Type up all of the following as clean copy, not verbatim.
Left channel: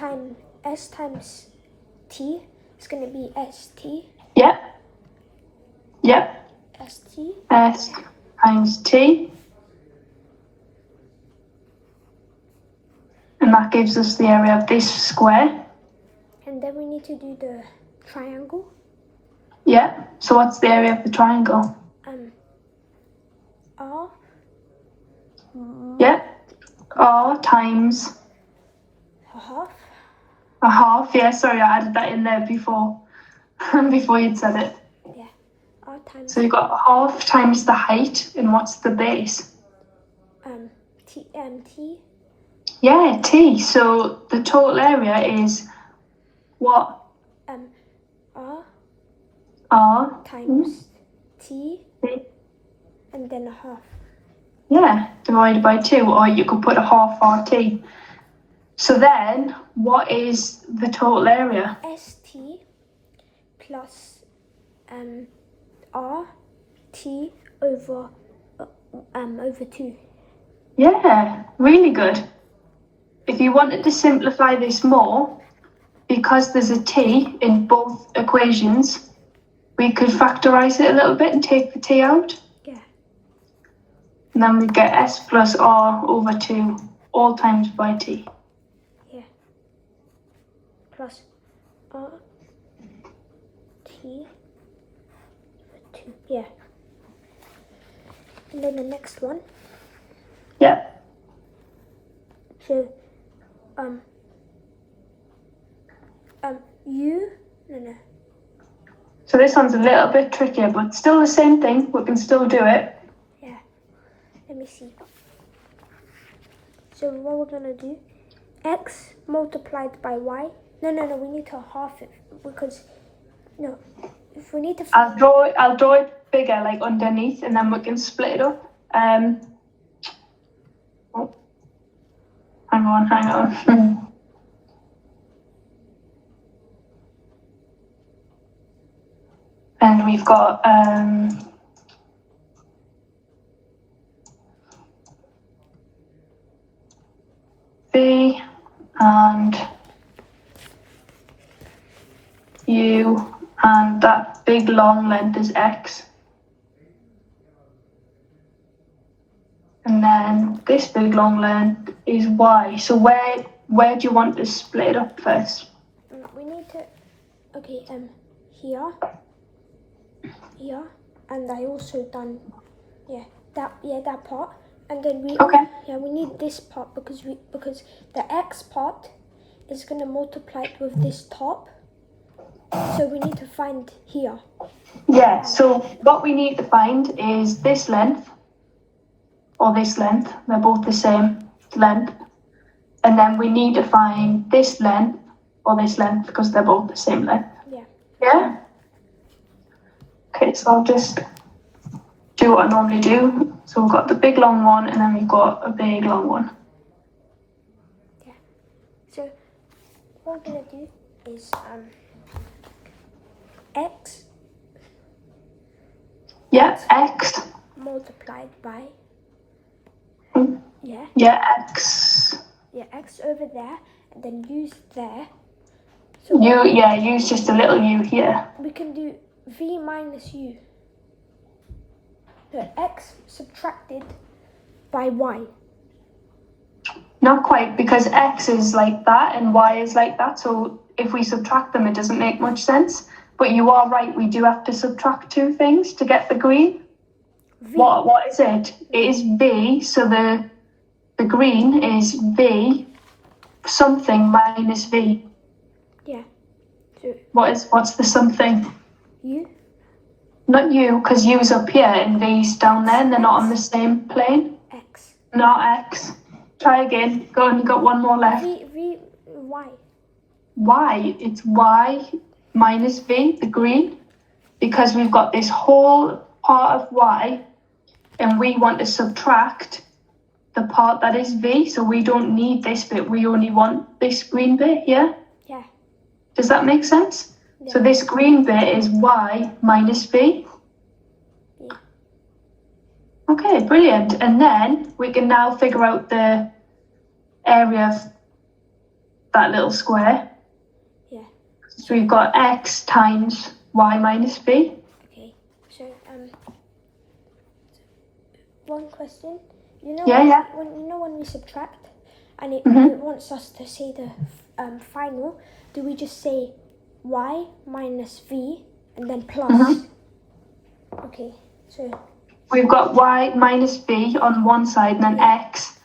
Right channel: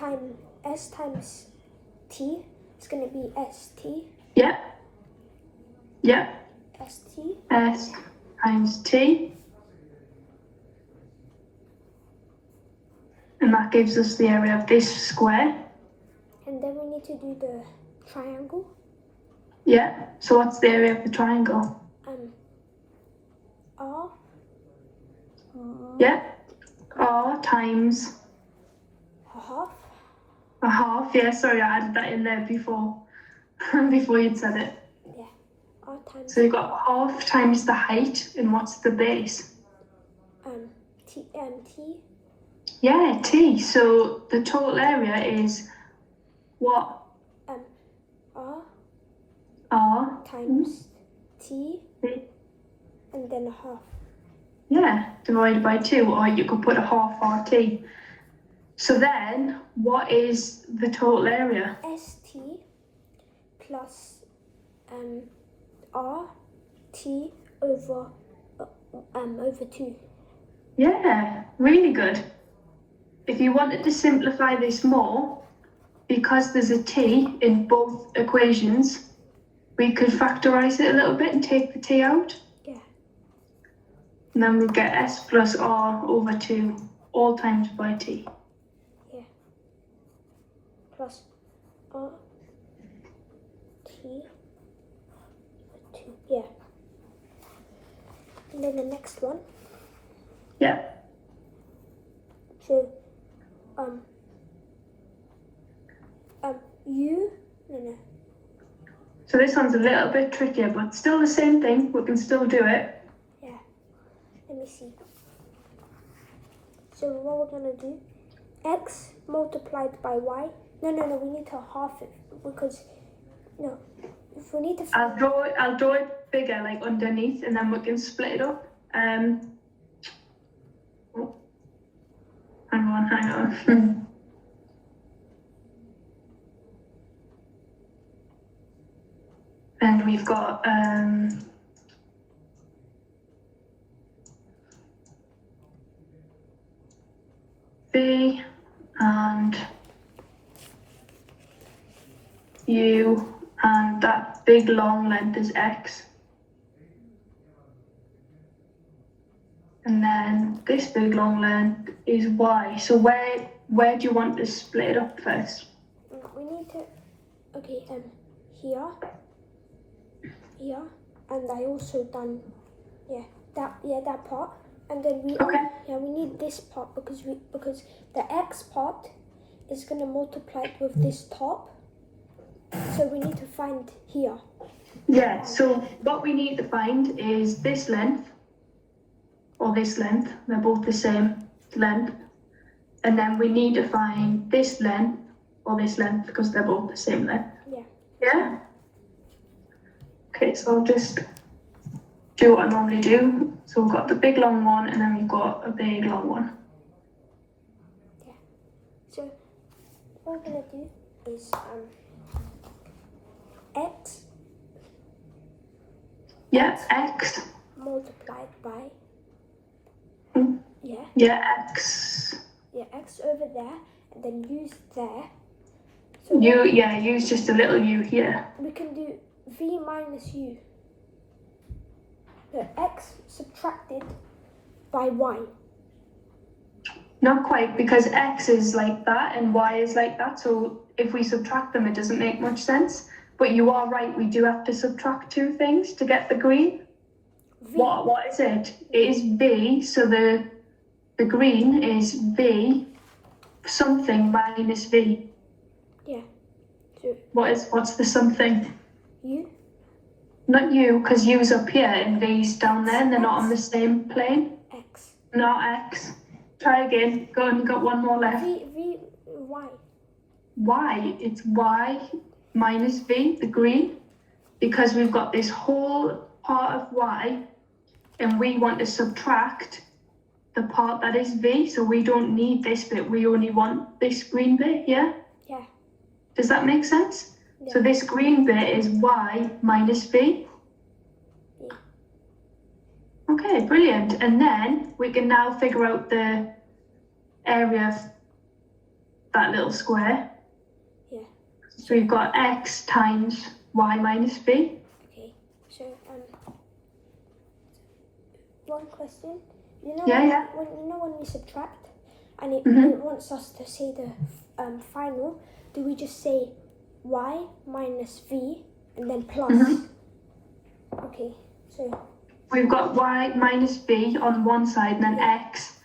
times t is going to be st. Yep. Yep. St. S times t. And that gives us the area of this square. And then we need to do the triangle. Yeah. So what's the area of the triangle? R. Yeah. R times A half. a half. Yeah, sorry, I added that in there before before you'd said it. Yeah. R times. So you've got half times the height, and what's the base? T. Yeah, t. So the total area is what? R times t, and then a half. Yeah, divided by 2, or you could put a half RT. So then, what is the total area? St plus RT over 2. Yeah, really good. If you wanted to simplify this more, because there's a t in both equations, we could factorize it a little bit and take the t out. Yeah. And then we get s plus r over 2, all times by t. Yeah. Plus r t over 2. Yeah. And then the next one. Yeah. So u no. So this one's a little bit trickier, but still the same thing. We can still do it. Yeah. Let me see. So what we're gonna do? X multiplied by y. No. We need to half it because if we need to. I'll draw it bigger, like underneath, and then we can split it up. Oh, hang on. And we've got V and U, and that big long length is X. And then this big long length is Y. So where do you want to split it up first? We need to, here, and I also done, that part, and then we need this part because the X part is gonna multiply it with this top, so we need to find here. Yeah, so what we need to find is this length, or this length, they're both the same length, and then we need to find this length, or this length, because they're both the same length. Yeah? Okay, so I'll just do what I normally do. So we've got the big long one, and then we've got a big long one. Yeah. So what we're gonna do is X. Yeah, X. Multiplied by. Yeah. Yeah, X. Yeah, X over there, and then use there. So use just a little u here. We can do V minus U. So X subtracted by Y. Not quite, because X is like that and Y is like that. So if we subtract them, it doesn't make much sense. But you are right, we do have to subtract two things to get the green. V. What is it? It is V, so the green is V something minus V. Yeah. So what's the something? U. Not U, because U's up here and V's down there, and they're not on the same plane. X. Not X. Try again. Go on, you got one more left. Y. Y. It's Y minus V, the green, because we've got this whole part of Y, and we want to subtract the part that is V, so we don't need this bit. We only want this green bit here. Yeah. Does that make sense? Yeah. So this green bit is Y minus V. Yeah. Okay, brilliant. And then we can now figure out the area of that little square. Yeah. So we've got x times y minus b. Okay. So one question. You know Yeah. when we subtract and it Mhm. wants us to see the final, do we just say y minus v and then plus? Mhm. Okay. So We've got y minus b on one side and then x.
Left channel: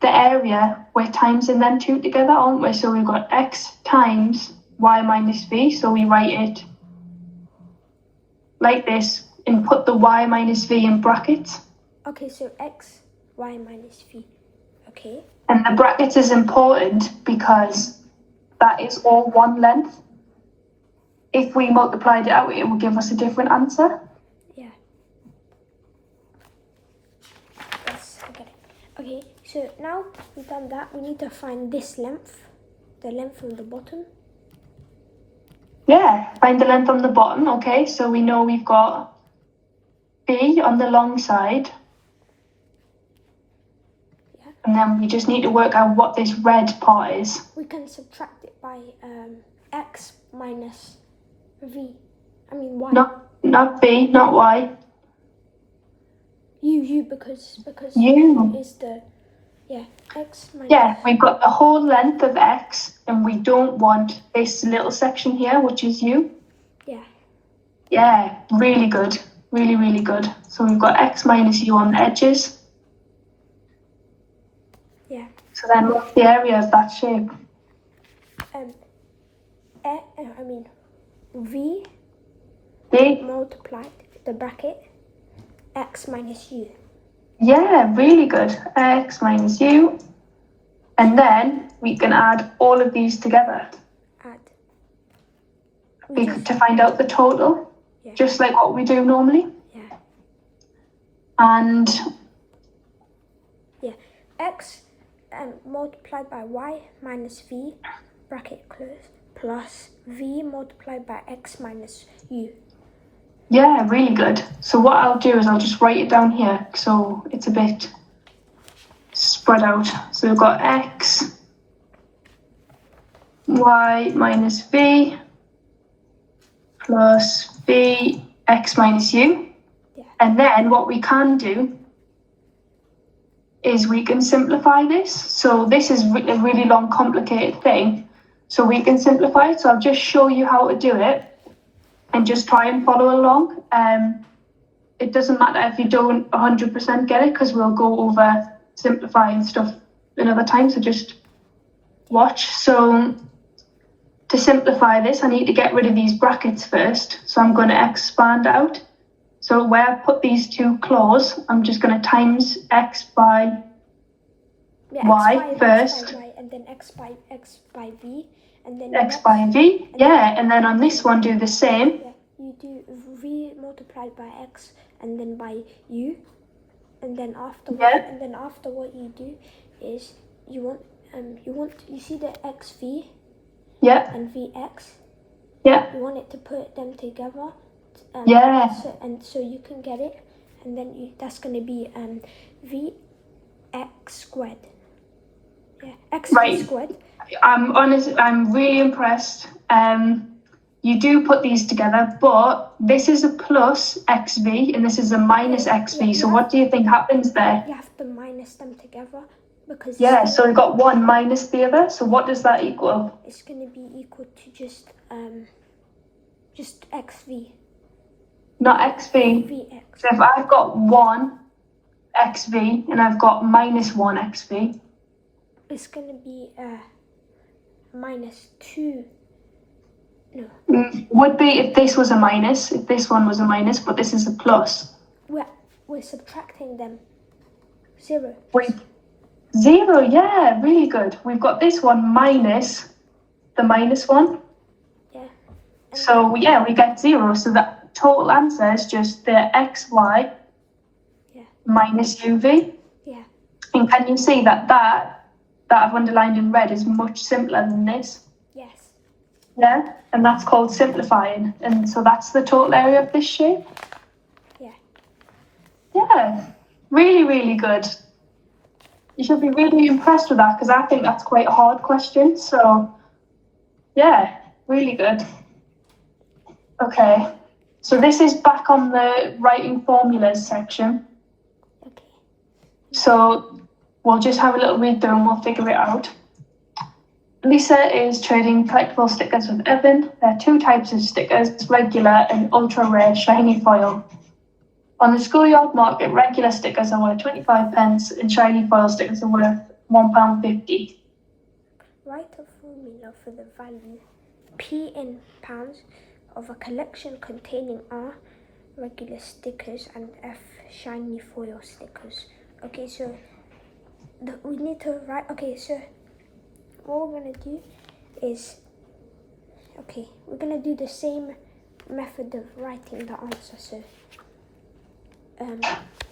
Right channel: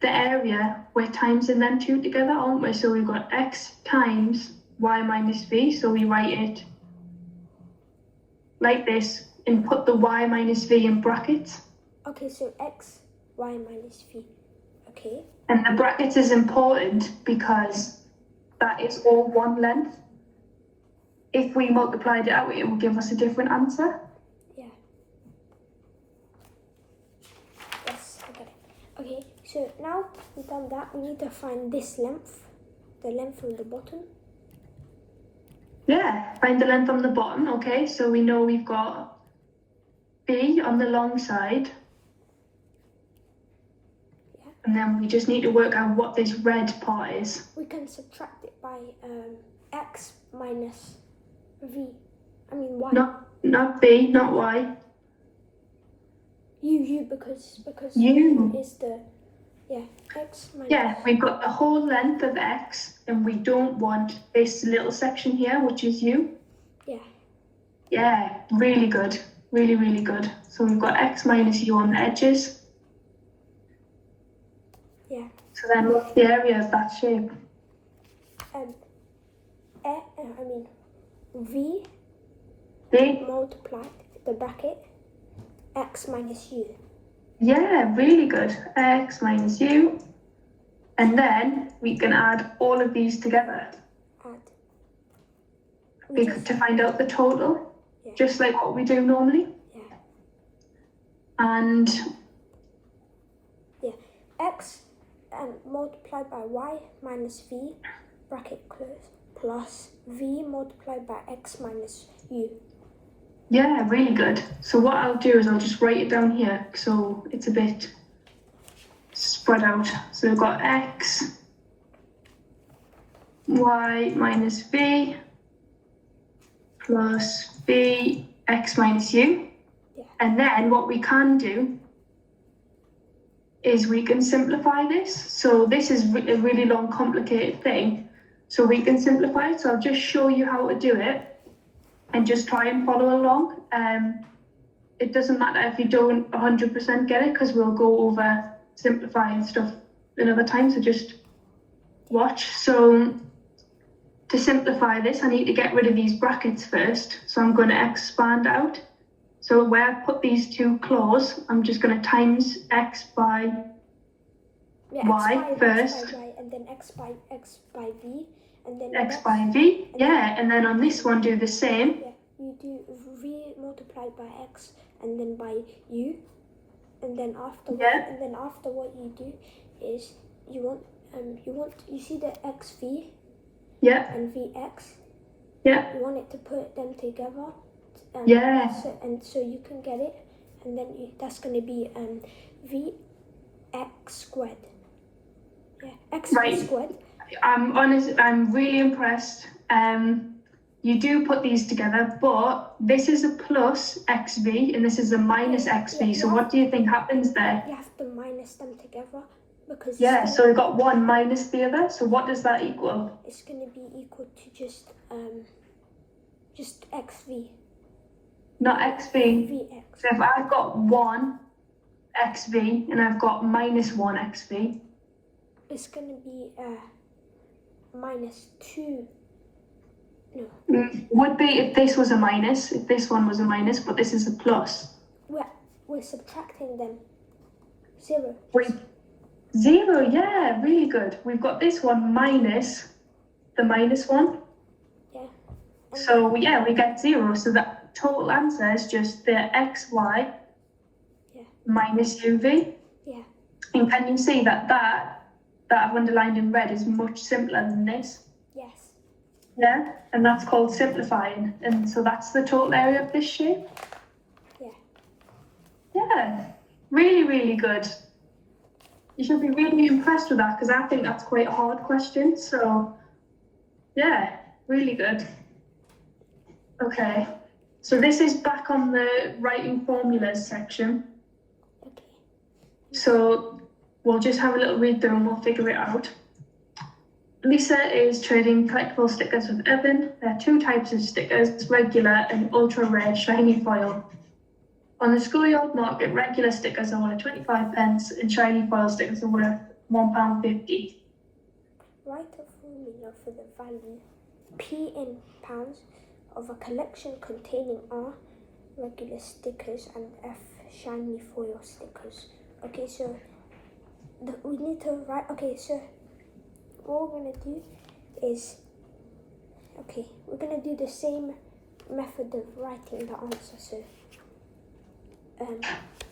The area, we're timesing them two together, aren't we? So we've got x times y minus b. So we write it like this and put the y minus v in brackets. okay. So x y minus v. Okay. And the brackets is important because that is all one length. If we multiplied it out, it will give us a different answer. Yeah. Yes. Okay. Okay. So now we've done that, we need to find this length, the length of the bottom. Yeah, find the length on the bottom. Okay, so we know we've got b on the long side. Yeah. And then we just need to work out what this red part is. We can subtract it by x minus v. I mean y. Not b, not y. U because U. is the x minus. Yeah, we've got the whole length of x, and we don't want this little section here, which is u. Yeah. Yeah, really good. Really, really good. So we've got x minus u on the edges. Yeah. So then what's the area of that shape? V B. multiplied the bracket x minus u. Yeah, really good. X minus u. And then we can add all of these together to find out the total, just like what we do normally. Yeah. And X multiplied by y minus v bracket close plus v multiplied by x minus u. yeah, really good. So what I'll do is I'll just write it down here so it's a bit spread out. So we've got x, y minus v plus v x minus u. Yeah. And then what we can do is we can simplify this. So this is a really long, complicated thing. So we can simplify it. So I'll just show you how to do it and just try and follow along. It doesn't matter if you don't 100% get it because we'll go over simplifying stuff another time. So just watch. So to simplify this, I need to get rid of these brackets first. So I'm going to expand out. So where I put these two close, I'm just going to times x by y first. X by y, and then x by v, and then X by v, yeah. And then on this one, do the same. Yeah, you do v multiplied by x, and then by u, and then after what you do is you see the xv. Yeah. And vx. Yeah. You want it to put them together. Yeah. So you can get it, and then that's going to be vx squared. Yeah, x squared. I'm really impressed. You do put these together, but this is a plus xv and this is a minus xv. So what do you think happens there? You have to minus them together because. Yeah. So we've got one minus the other. So what does that equal? It's going to be equal to just xv. Not xv. Vx. So if I've got 1 xv and I've got minus 1 xv. It's going to be minus 2. No. Would be if this was a minus, if this one was a minus, but this is a plus. We're subtracting them. 0. Wait, 0, yeah, really good. We've got this one minus the minus one. Yeah. So yeah, we get 0. So the total answer is just the xy minus uv. Yeah. And can you see that I've underlined in red is much simpler than this? Yes. Yeah, and that's called simplifying. And so that's the total area of this shape. Yeah. Yeah, really, really good. You should be really impressed with that because I think that's quite a hard question. So, yeah, really good. Okay, so this is back on the writing formulas section. Okay. So we'll just have a little read through and we'll figure it out. Lisa is trading collectible stickers with Evan. There are two types of stickers, regular and ultra rare shiny foil. On the schoolyard market, regular stickers are worth 25 pence and shiny foil stickers are worth £1.50. Write a formula for the value P in pounds of a collection containing R regular stickers and F shiny foil stickers. Okay, so we need to write. Okay, so what we're gonna do is, okay, we're gonna do the same method of writing the answer. So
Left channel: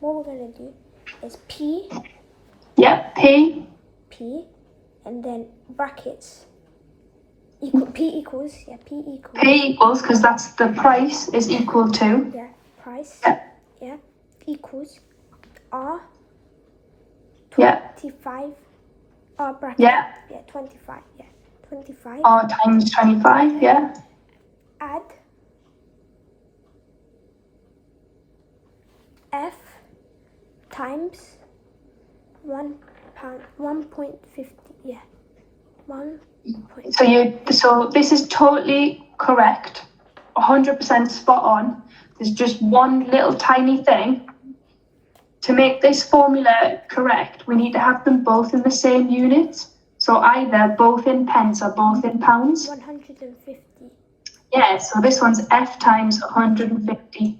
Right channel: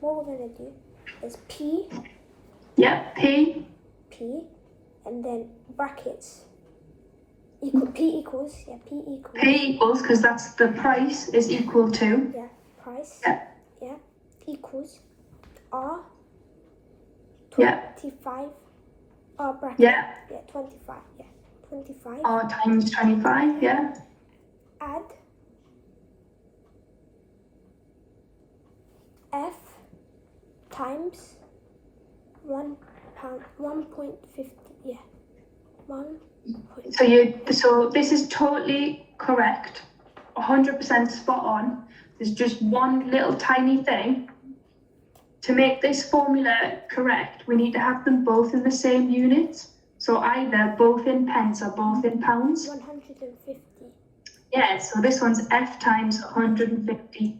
what we're gonna do is P. Yep, P. And then brackets. P equals, because that's the price is equal to. Yeah, price. Yeah. Yeah, equals R. Yeah. 25. R bracket. Yeah. Yeah, 25. Yeah, 25. R times 25, yeah. Add F times £1.50. Yeah, 1. So this is totally correct, 100% spot on. There's just one little tiny thing. To make this formula correct, we need to have them both in the same units. So either both in pence or both in pounds. 150. Yeah, so this one's F times 150.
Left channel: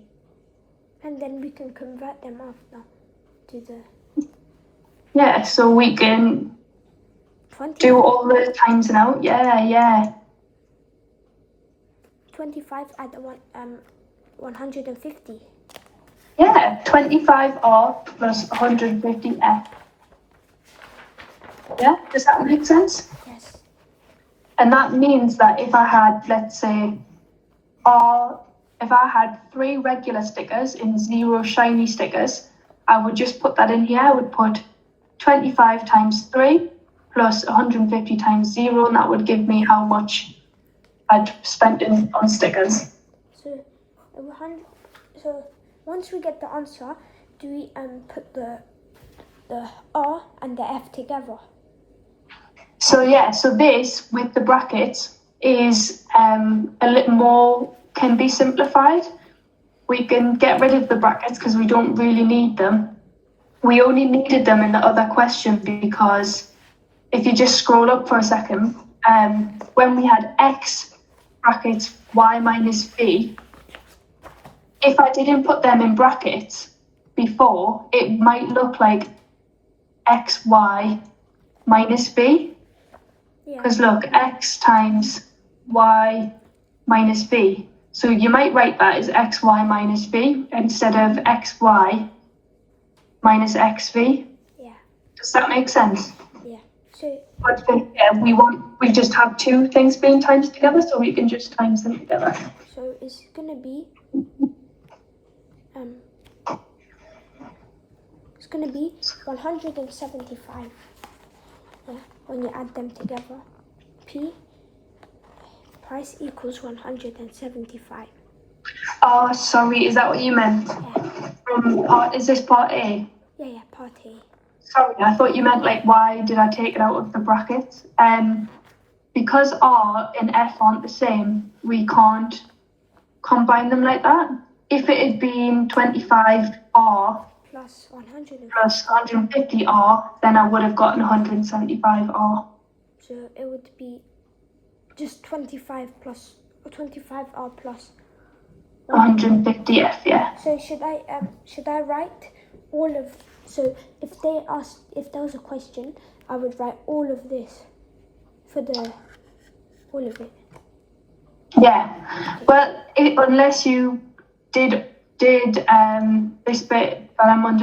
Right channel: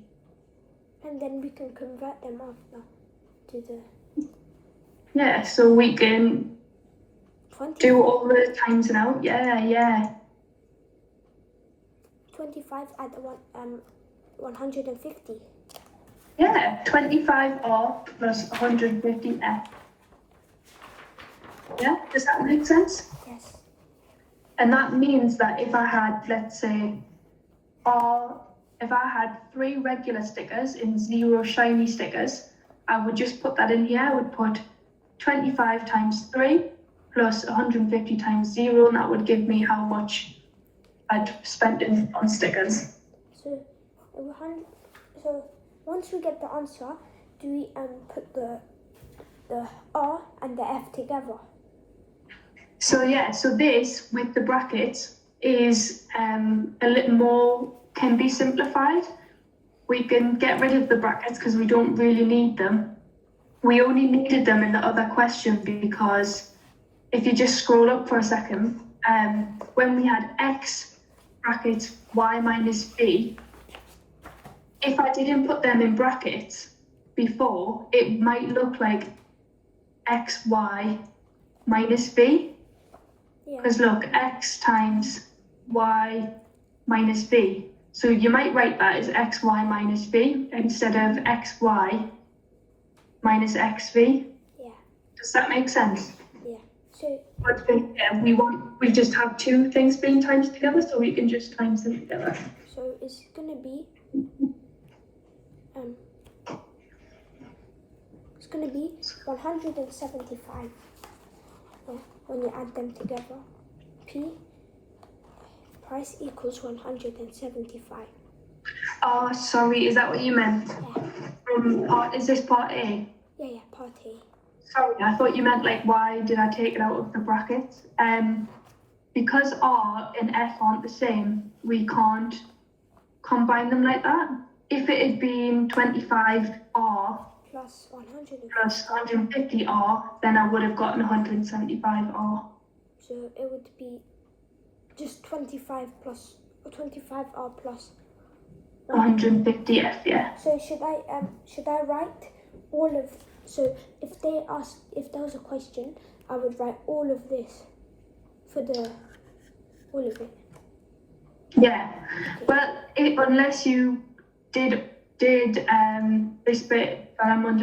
And then we can convert them after to the... Yeah, so we can 25. do all the times and out. Yeah. 25 add 150. Yeah, 25R plus 150F. Yeah, does that make sense? Yes. And that means that if I had, let's say, if I had 3 regular stickers and 0 shiny stickers, I would just put that in here. I would put 25 times 3 plus 150 times 0, and that would give me how much I'd spent on stickers. So once we get the answer, do we put the R and the F together? So yeah, so this with the brackets is a little more, can be simplified. We can get rid of the brackets because we don't really need them. We only needed them in the other question because if you just scroll up for a second, when we had X brackets Y minus B, if I didn't put them in brackets before, it might look like XY minus B. Because look, X times Y minus B. So you might write that as XY minus B instead of XY minus XV. Yeah. Does that make sense? Yeah. So But we just have 2 things being times together, so we can just times them together. So it's gonna be 175 when you add them together. P price equals 175. Oh, sorry, is that what you meant? Yeah. Is this part A? Yeah, part A. Sorry, I thought you meant like why did I take it out of the brackets? Because R and F aren't the same, we can't combine them like that. If it had been 25R plus 150R, then I would have gotten 175R. So it would be just 25R plus 150F, yeah. So should I write all of, so if there was a question, I would write all of this for all of it. Yeah, well, unless you did this bit that I'm under